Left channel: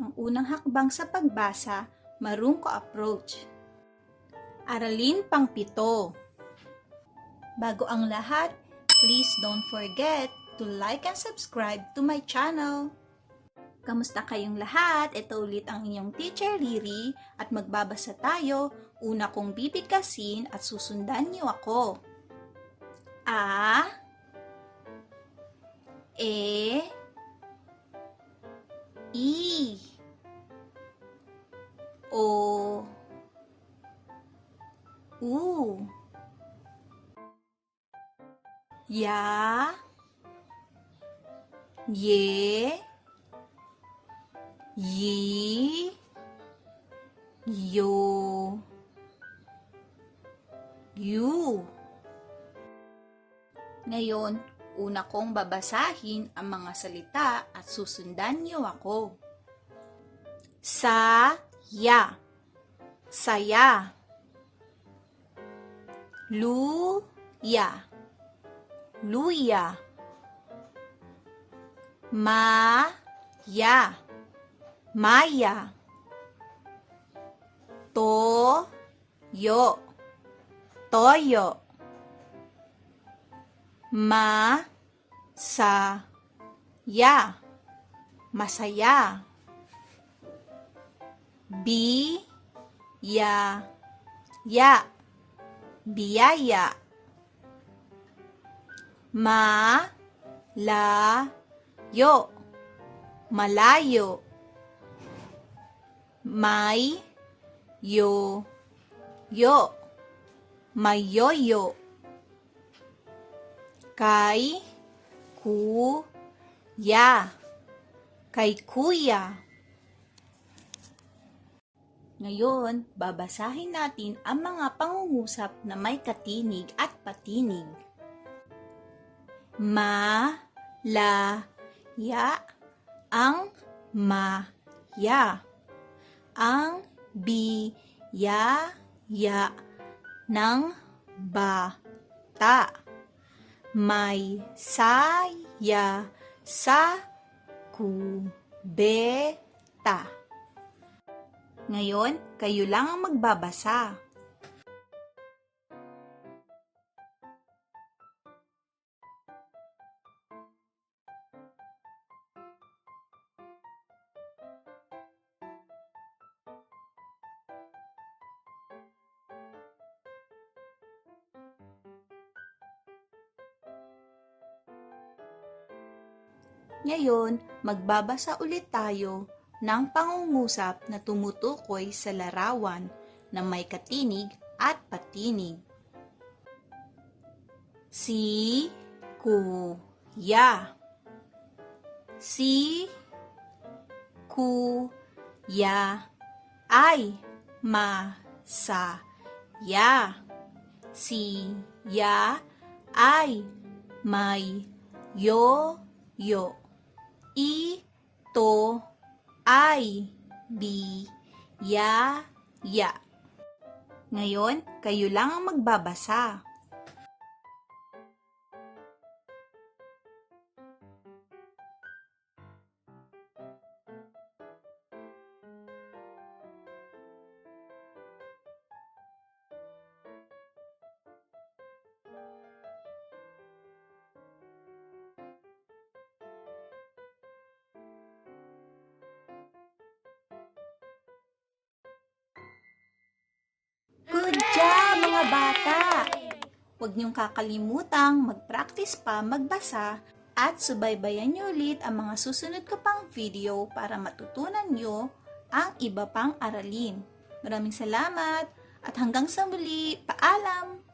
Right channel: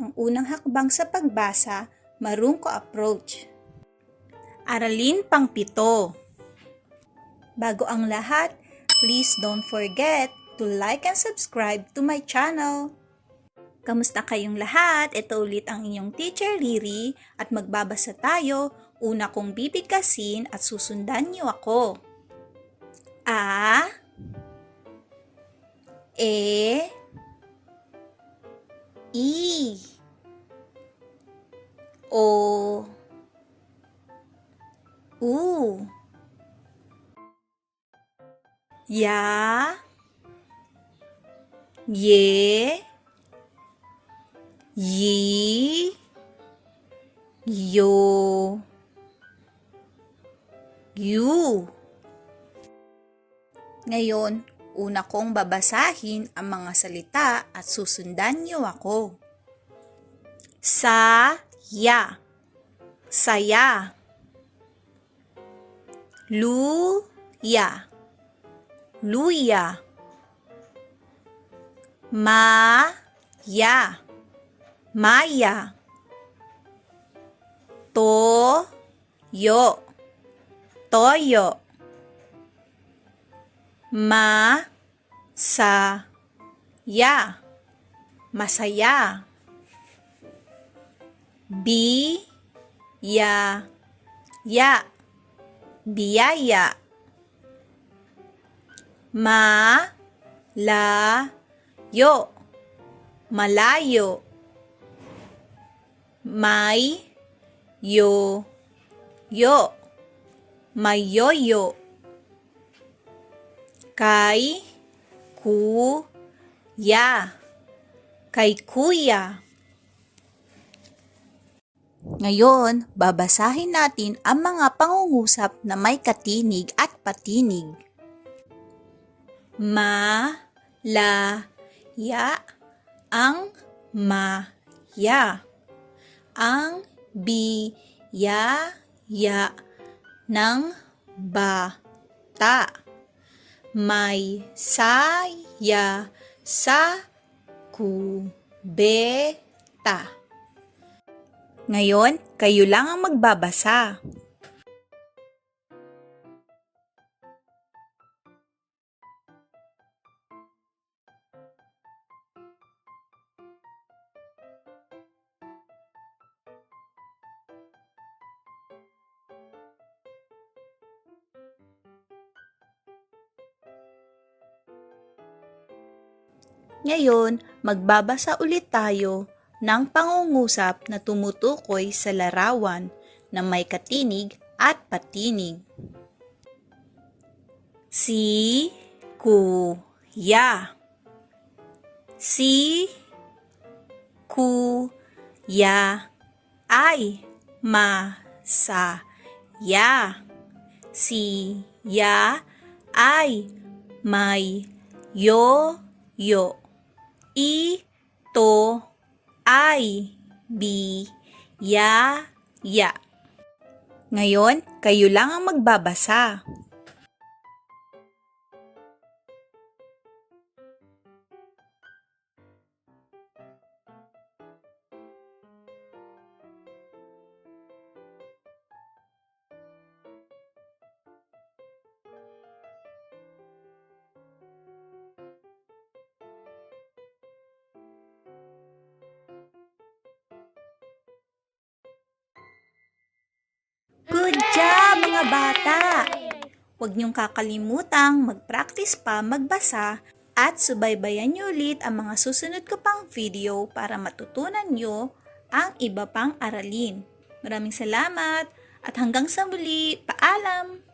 Ang unang hakbang sa pagbasa, marungko approach. Aralin pang-7. Bago ang lahat, please don't forget to like and subscribe to my channel. Kamusta kayong lahat? Ito ulit ang inyong Teacher Riri at magbabasa tayo. Una kong bibigkasin at susundan niyo ako. A, E, I, O, U, Ya, Ye, Yi, Yo, Yu. Ngayon, una kong babasahin ang mga salita at susundan niyo ako. Saya, saya. Luya, luya. Maya, maya. Toyo, toyo. Masaya, masaya. Biyaya, biyaya. Malayo, malayo. Mayoyo, mayoyo. Kay kuya, kay kuya. Ngayon, babasahin natin ang mga pangungusap na may katinig at patinig. Malaya, ang maya. Ang biyaya ng bata. May saya sa kubeta. Ngayon, kayo lang ang magbabasa. Ngayon, magbabasa ulit tayo ng pangungusap na tumutukoy sa larawan na may katinig at patinig. Si kuya. Si kuya ay masaya. Siya ay may yoyo. Ito ay biyaya. Ngayon, kayo lang ang magbabasa. Good job, mga bata! Huwag niyong kakalimutang mag-practice pa magbasa at subaybayan niyo ulit ang mga susunod ko pang video para matutunan niyo ang iba pang aralin. Maraming salamat at hanggang sa muli, paalam!